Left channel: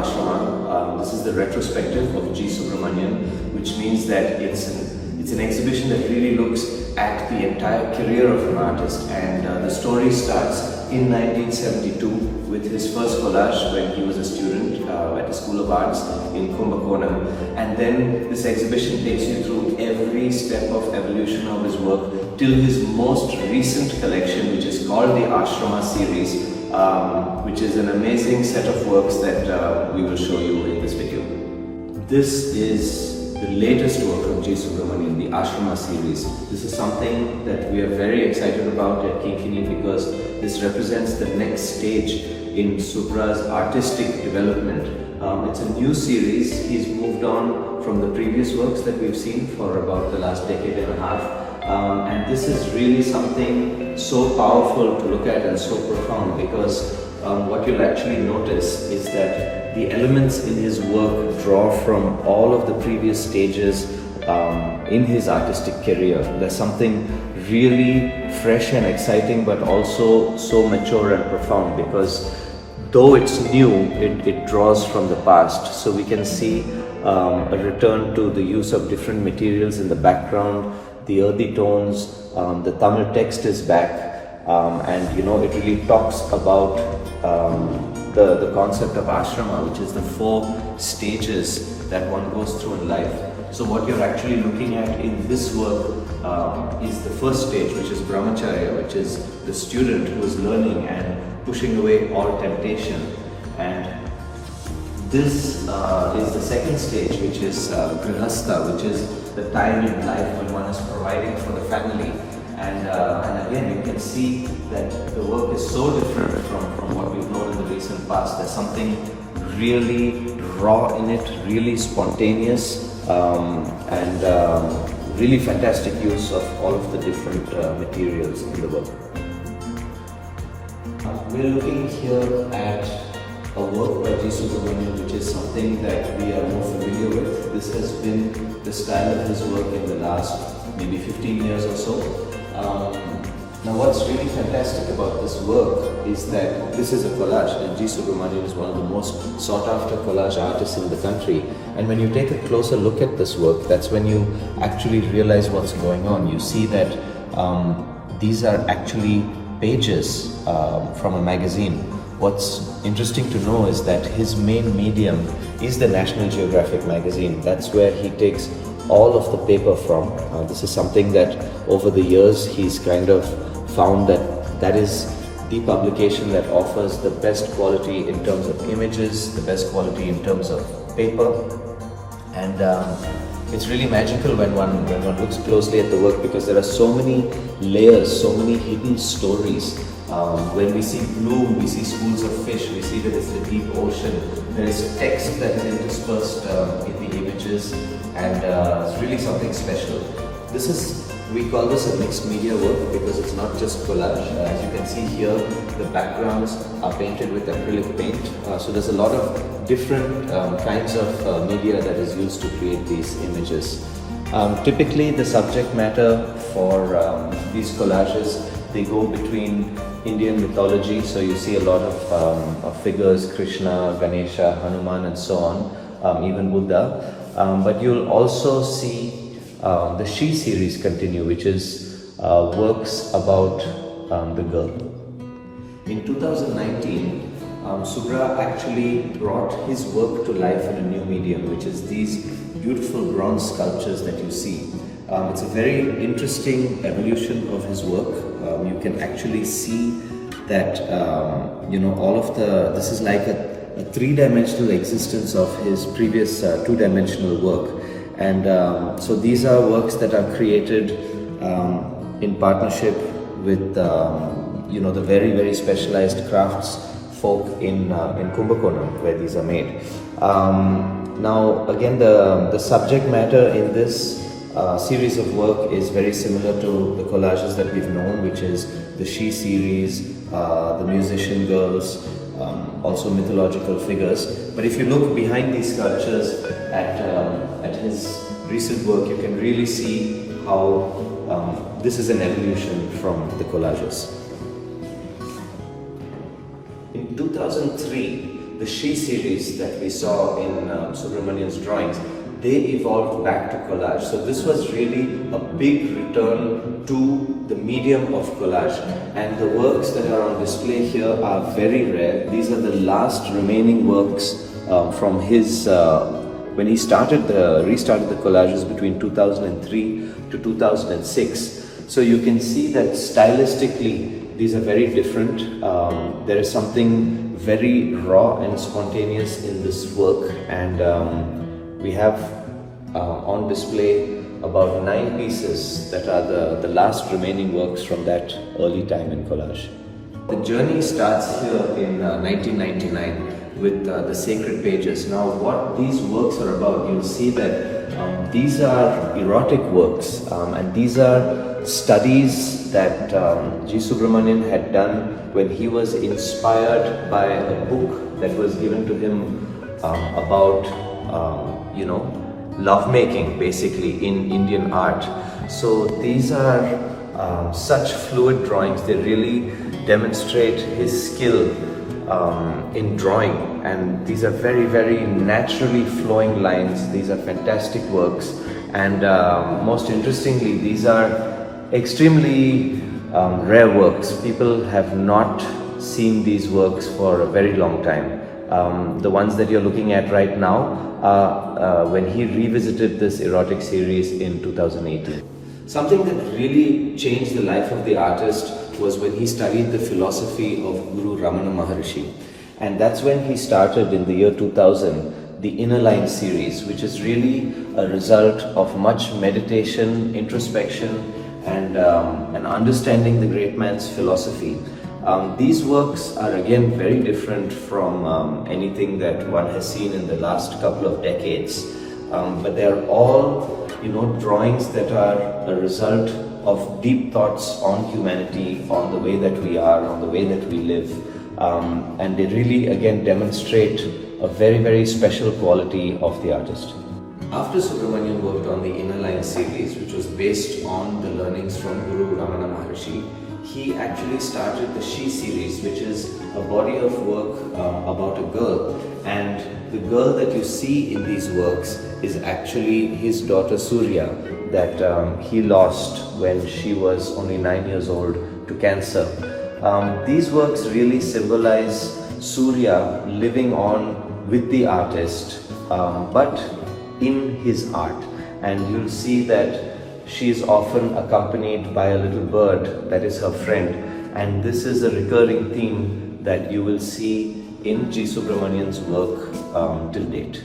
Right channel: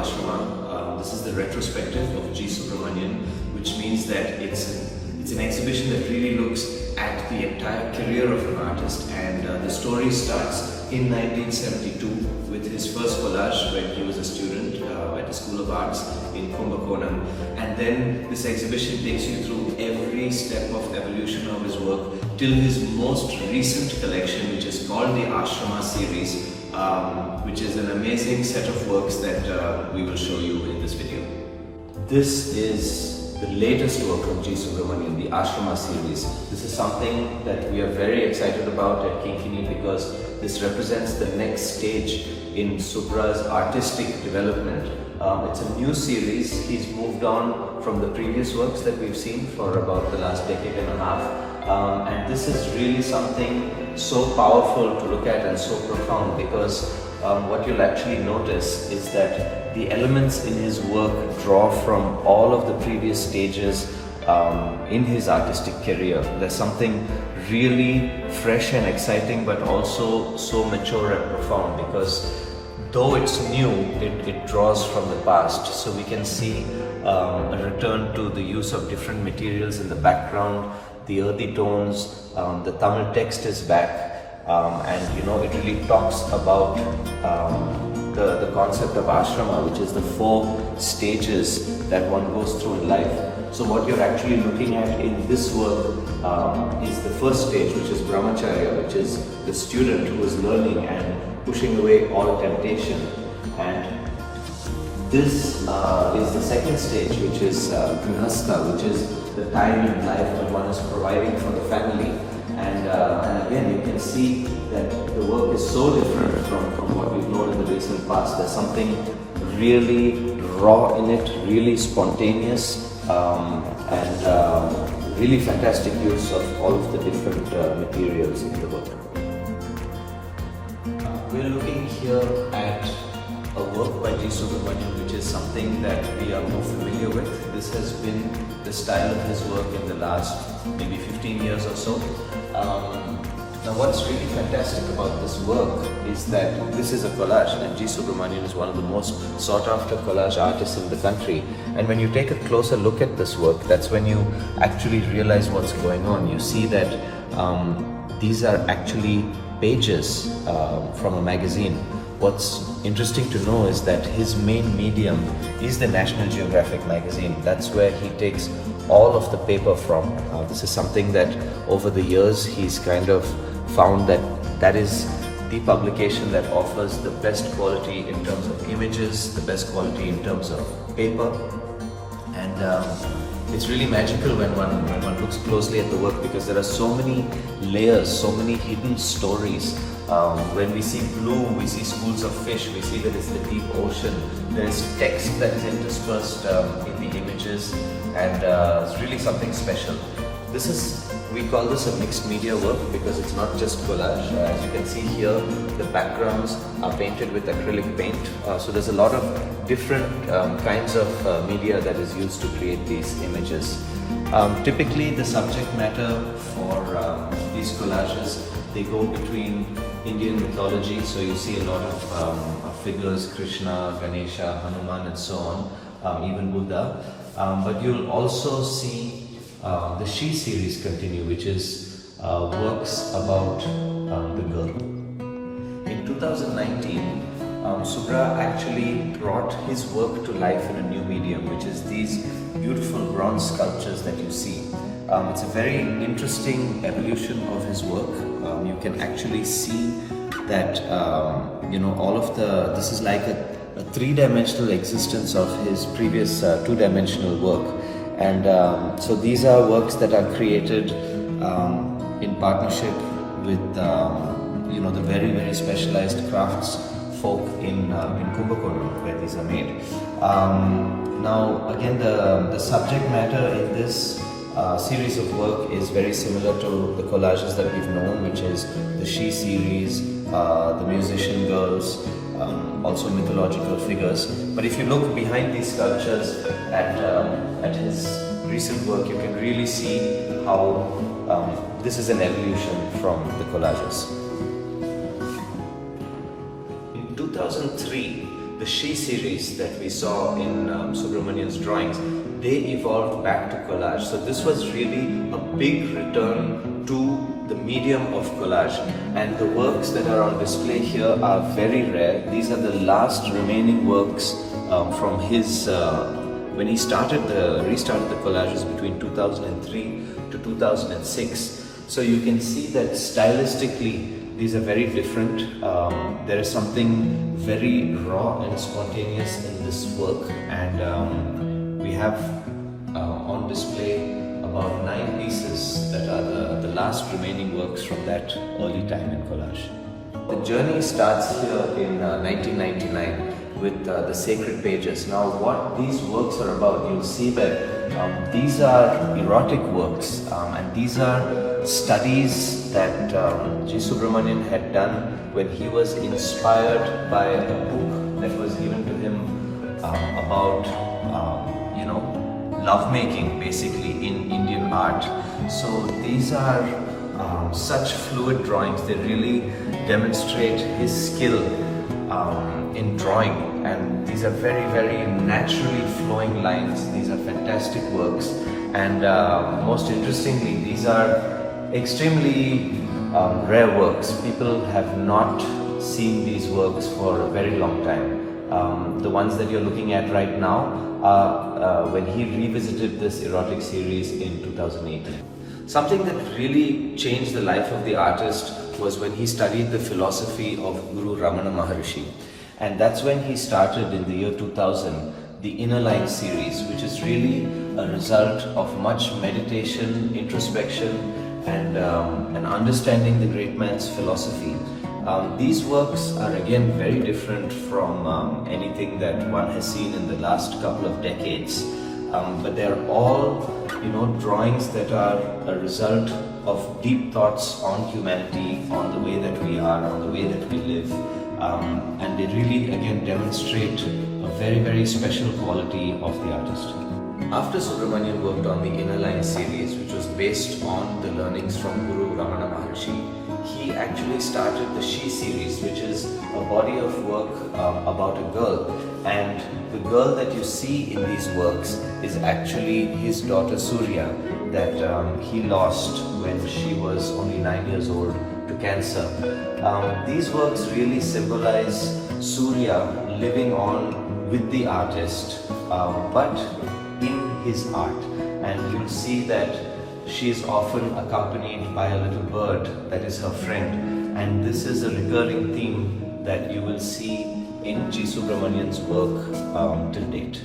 ASRAMA. This is the retrospective of G. Subramanian, which means that it's an exhibition that really looks at the entire career of an artist, and the story starts in 1972 with his first collage when he was a student at the School of Arts in Kumbakonam, and then this exhibition takes you through every step of evolution of his work till his most recent collection, which is called the ASRAMA series, which is an amazing set of works that we will show you in this video. This is the latest work of G. Subramanian, the ASRAMA series. This is something that we are very excited about at KYNKYNY because this represents the next stage in Subra's artistic development. It's a new series. He's moved on from the previous works that we've seen for about the last decade and a half. And this is really something so powerful to look at and so profound, because what you'll actually notice is that the elements in his work draw from all of the previous stages in his artistic career. There's something really fresh and exciting, but also so mature and profound, because though it's new, it draws from the past. So we can see a return to the use of different materials in the background, the earthy tones, the Tamil text is back, and it really talks about the concept of ashrama, which is the 4 stages that one goes through in life. So what you're actually looking at in this work is the first stage, which is brahmacharya, which is the student who is learning and pushing away all temptation. And this is the second stage, which is grihastha, which is the time in life when one is providing for the family. And again, you can see that the work is so different from what we've known in the recent past. There's something really raw in it, really spontaneous, and really fantastic use of all of the different materials in the work. We're looking here at a work by G. Subramanian, which is something that we are more familiar with. This has been the style of his work in the last maybe 15 years or so. Now what's really fantastic about this work is that this is a collage, and G. Subramanian is one of the most sought after collage artists in the country. And when you take a closer look at this work, that's when you actually realize what's going on. You see that these are actually pages from a magazine. What's interesting to know is that his main medium is the National Geographic magazine. That's where he takes all of the paper from. This is something that over the years he's kind of found that is the publication that offers the best quality in terms of images, the best quality in terms of paper. And it's really magical when one looks closely at the work, because there are so many layers, so many hidden stories. When we see bloom, we see schools of fish, we see that it's the deep ocean. There's text that is interspersed in the images, and it's really something special. We call this a mixed media work because it's not just collage. As you can see here, the backgrounds are painted with acrylic paint. So there's a lot of different kinds of media that is used to create these images. Typically, the subject matter for these collages, they go between Indian mythology, so you see a lot of figures, Krishna, Ganesha, Hanuman and so on, even Buddha. But you'll also see the She series continue, which is works about the girl. In 2019, Subra actually brought his work to life in a new medium, which is these beautiful bronze sculptures that you see. It's a very interesting evolution of his work. You can actually see that all of this is like a 3-dimensional existence of his previous 2-dimensional work. And so these are works that are created in partnership with the very, very specialized crafts folk in Kumbakonam, where these are made. Now again, the subject matter in this series of work is very similar to the collages that we've known, which is the She series, the musician girls, also mythological figures. But if you look behind these sculptures at his recent work, you can really see how this is an evolution from the collages. In 2003, the she series that we saw in Subramanian's drawings, they evolved back to collage. So this was really a big return to the medium of collage, and the works that are on display here are very rare. These are the last remaining works from his when he restarted the collages between 2003 to 2006. So you can see that stylistically these are very different. There is something very raw and spontaneous in this work, and we have on display about 9 pieces that are the last remaining works from that early time in collage. The journey starts here in 1999 with the sacred pages. Now what these works are about, you'll see that these are erotic works, and these are studies that G. Subramanian had done when he was inspired by a book that was given to him about lovemaking, basically, in Indian art. So these are such fluid drawings. They really demonstrate his skill in drawing, and these are very, very naturally flowing lines. These are fantastic works, and most interestingly, these are extremely rare works. People have not seen these works for a very long time. The ones that you're looking at right now, when he revisited this erotic series in 2018. Something that really changed the life of the artist was when he studied the philosophy of Guru Ramana Maharishi. And that's when he started in the year 2000 the Inner Line series, which is really a result of much meditation, introspection, and understanding the great man's philosophy. These works are again very different from anything that one has seen in the last couple of decades. But they're all, drawings that are a result of deep thoughts on humanity, on the way that we are, on the way that we live. And they really again demonstrate a very, very special quality of the artist. After Subramanian worked on the Inner Line series, which was based on the learnings from Guru Ramana Maharishi, he actually started the She series, which is a body of work about a girl. And the girl that you see in these works is actually his daughter Surya, that he lost when she was only 9 years old to cancer. These works really symbolize Surya living on with the artist, but in his art. And you'll see that she is often accompanied by a little bird that is her friend, and this is a recurring theme that you will see in G. Subramanian's work till date.